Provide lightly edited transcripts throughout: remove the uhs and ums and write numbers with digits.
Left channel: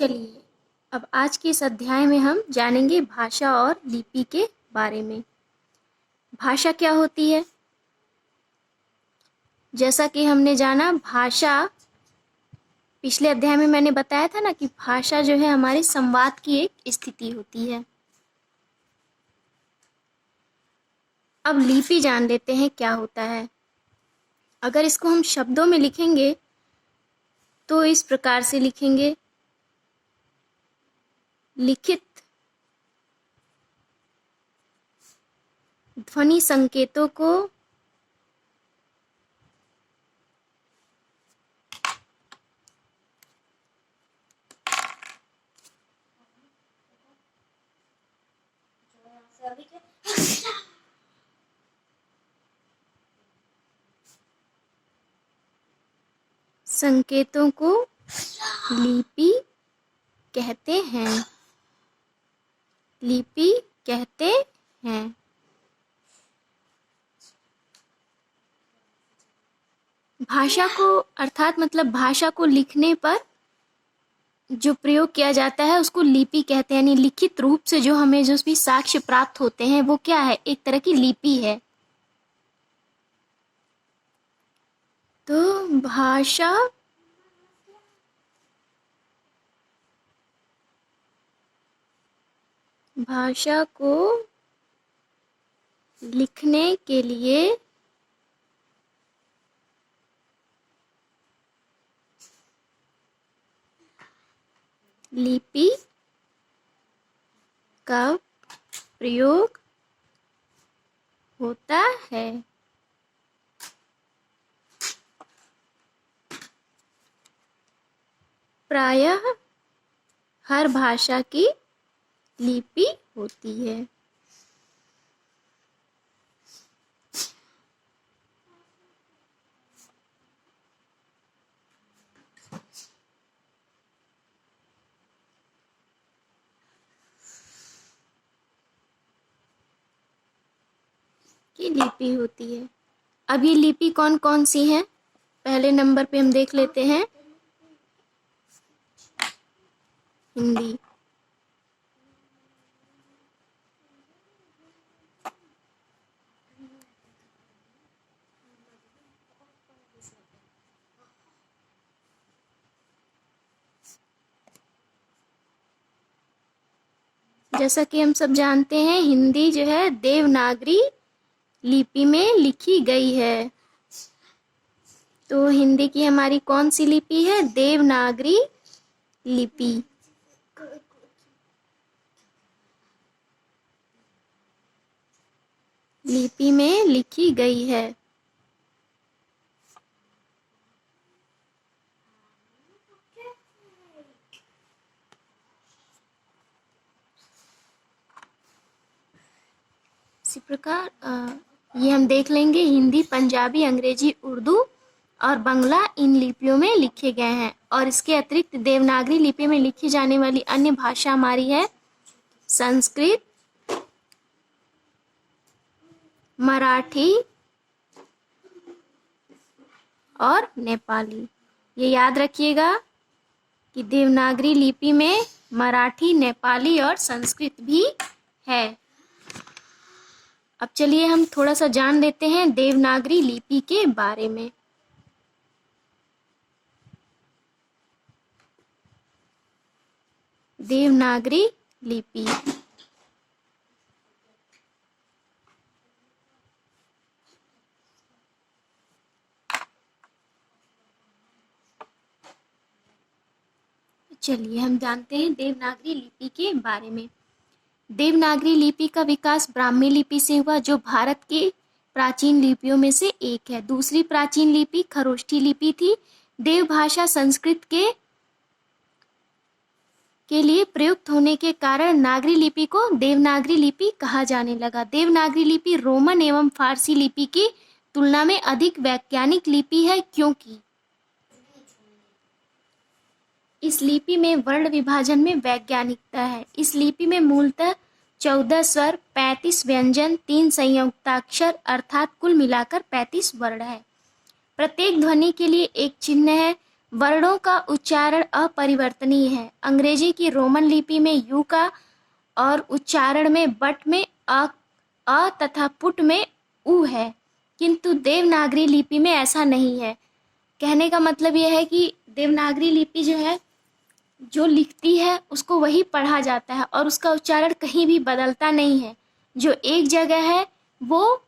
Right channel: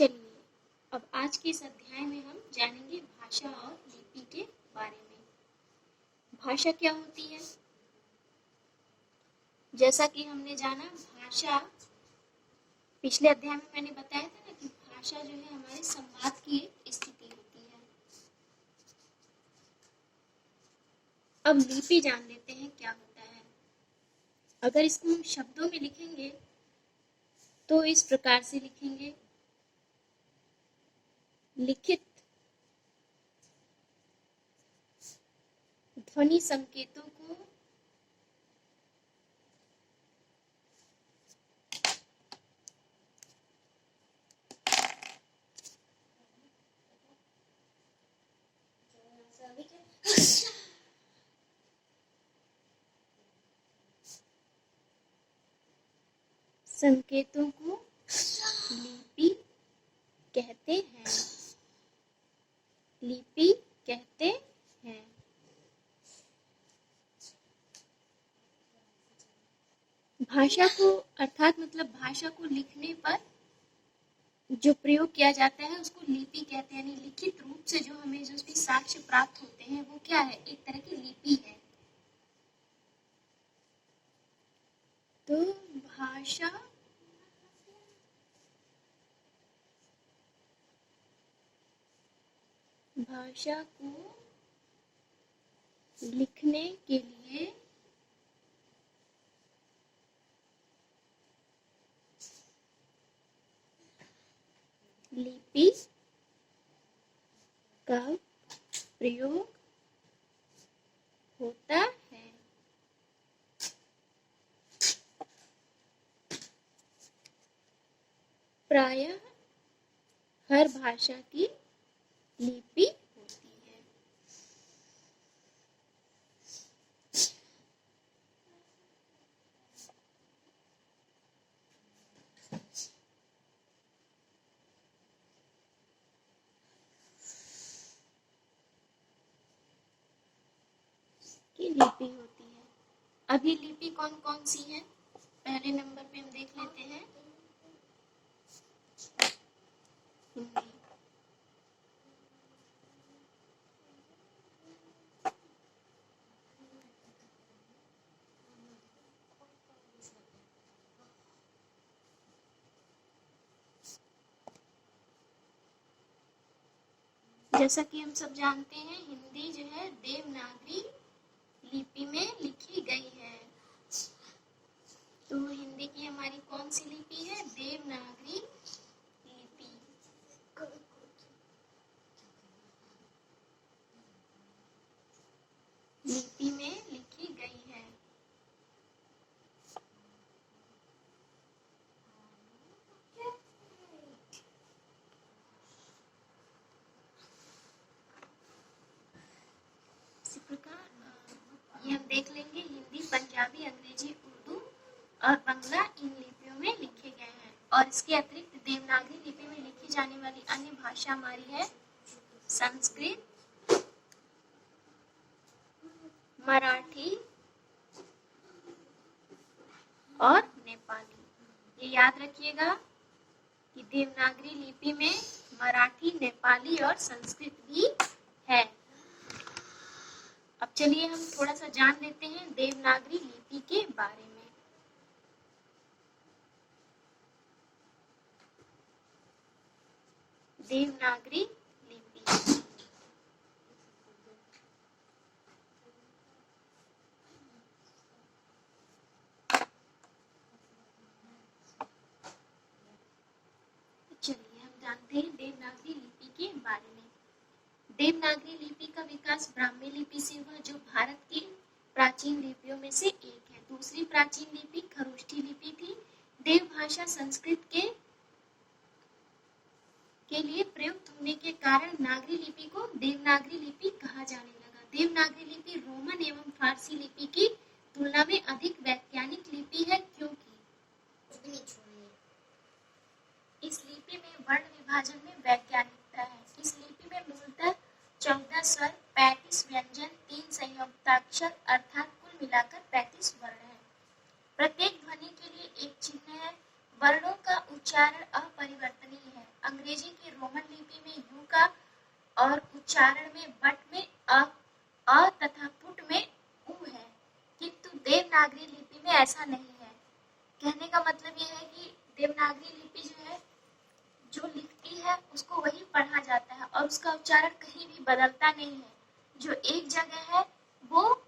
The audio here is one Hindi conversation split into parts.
चलिए, अब आज के इस अध्याय में हम जानेंगे भाषा और लिपि के बारे में। भाषा क्या होती है? जैसा कि हमने जाना, भाषा पिछले अध्याय में मैंने बताया था ना कि भाषा जो है हमारे संवाद की एक स्थिति होती है। अब लिपि जान लेते हैं क्या होता है। अगर इसको हम शब्दों में लिखेंगे तो इस प्रकार से लिखेंगे: लिखित ध्वनि संकेतों को लिपि कहते हैं। लिपि कहते हैं। भाषा को अर्थात मतलब भाषा को लिखने पर जो प्रयोग किया जाता है उसको लिपि कहते हैं। यानी लिखित रूप से जो हमें जो भी साक्ष्य प्राप्त होते हैं वो क्या है? एक तरह की लिपि है। तो भाषा को लिखने के लिए लिपि का प्रयोग होता है। प्रायः हर भाषा की लिपि होती है। लिपि होती है। अब ये लिपि कौन कौन सी हैं? पहले नंबर पे हम देख लेते हैं हिंदी। जैसा कि हम सब जानते हैं, हिंदी जो है देवनागरी लिपि में लिखी गई है। तो हिंदी की हमारी कौन सी लिपि है? देवनागरी लिपि। लिपि में लिखी गई है। इसी प्रकार ये हम देख लेंगे, हिंदी, पंजाबी, अंग्रेजी, उर्दू और बांग्ला इन लिपियों में लिखे गए हैं। और इसके अतिरिक्त देवनागरी लिपि में लिखी जाने वाली अन्य भाषा हमारी है संस्कृत, मराठी और नेपाली। ये याद रखिएगा कि देवनागरी लिपि में मराठी, नेपाली और संस्कृत भी है। अब चलिए हम थोड़ा सा जान लेते हैं देवनागरी लिपि के बारे में। देवनागरी लिपि चलिए हम जानते हैं देवनागरी लिपि के बारे में। देवनागरी लिपि का विकास ब्राह्मी लिपि से हुआ, जो भारत की प्राचीन लिपियों में से एक है। दूसरी प्राचीन लिपि खरोष्ठी लिपि थी। देवभाषा संस्कृत के लिए प्रयुक्त होने के कारण नागरी लिपि को देवनागरी लिपि कहा जाने लगा। देवनागरी लिपि रोमन एवं फारसी लिपि की तुलना में अधिक वैज्ञानिक लिपि है, क्योंकि इस लिपि में वर्ण विभाजन में वैज्ञानिकता है। इस लिपि में मूलतः 14 स्वर, 35 व्यंजन, 3 संयुक्ताक्षर अर्थात कुल मिलाकर 35 वर्ण है। प्रत्येक ध्वनि के लिए एक चिन्ह है। वर्णों का उच्चारण अपरिवर्तनीय है। अंग्रेजी की रोमन लिपि में यू का और उच्चारण में बट में अ तथा पुट में उ है, किंतु देवनागरी लिपि में ऐसा नहीं है। कहने का मतलब यह है कि देवनागरी लिपि जो है, जो लिखती है उसको वही पढ़ा जाता है और उसका उच्चारण कहीं भी बदलता नहीं है। जो एक जगह है वो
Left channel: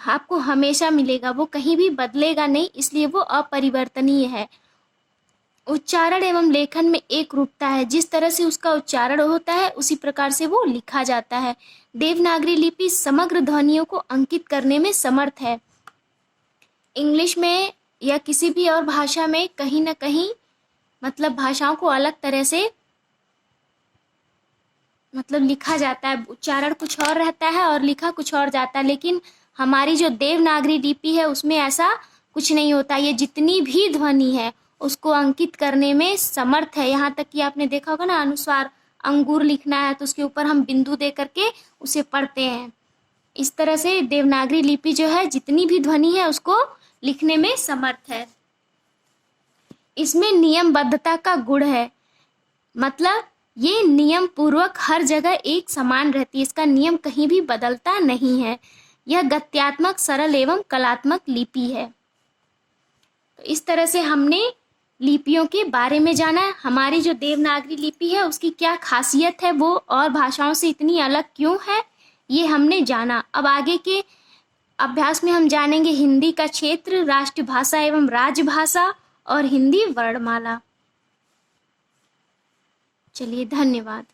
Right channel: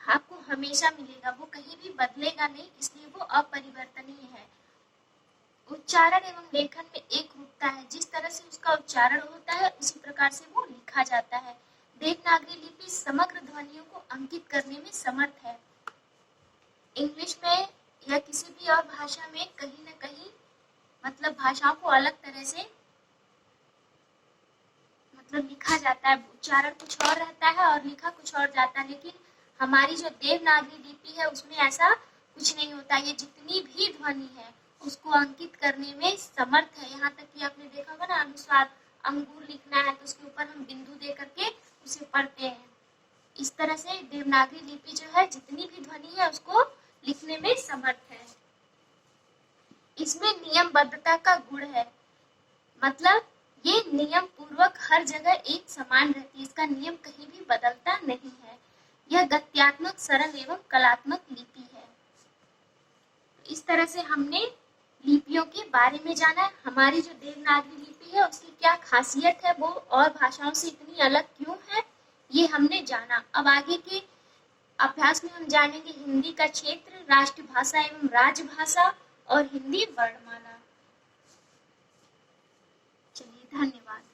आपको हमेशा मिलेगा, वो कहीं भी बदलेगा नहीं, इसलिए वो अपरिवर्तनीय है। उच्चारण एवं लेखन में एक रूपता है, जिस तरह से उसका उच्चारण होता है उसी प्रकार से वो लिखा जाता है। देवनागरी लिपि समग्र ध्वनियों को अंकित करने में समर्थ है। इंग्लिश में या किसी भी और भाषा में कहीं ना कहीं मतलब भाषाओं को अलग तरह से मतलब लिखा जाता है, उच्चारण कुछ और रहता है और लिखा कुछ और जाता है, लेकिन हमारी जो देवनागरी लिपि है उसमें ऐसा कुछ नहीं होता। ये जितनी भी ध्वनि है उसको अंकित करने में समर्थ है। यहाँ तक कि आपने देखा होगा ना, अनुस्वार अंगूर लिखना है तो उसके ऊपर हम बिंदु दे करके उसे पढ़ते हैं। इस तरह से देवनागरी लिपि जो है जितनी भी ध्वनि है उसको लिखने में समर्थ है। इसमें नियमबद्धता का गुण है, मतलब ये नियम पूर्वक हर जगह एक समान रहती है, इसका नियम कहीं भी बदलता नहीं है। यह गद्यात्मक, सरल एवं कलात्मक लिपि है। तो इस तरह से हमने लिपियों के बारे में जाना। हमारी जो देवनागरी लिपि है उसकी क्या खासियत है, वो और भाषाओं से इतनी अलग क्यों है, ये हमने जाना। अब आगे के अभ्यास में हम जानेंगे हिंदी का क्षेत्र, राष्ट्रभाषा एवं राजभाषा और हिंदी वर्णमाला। चलिए, धन्यवाद।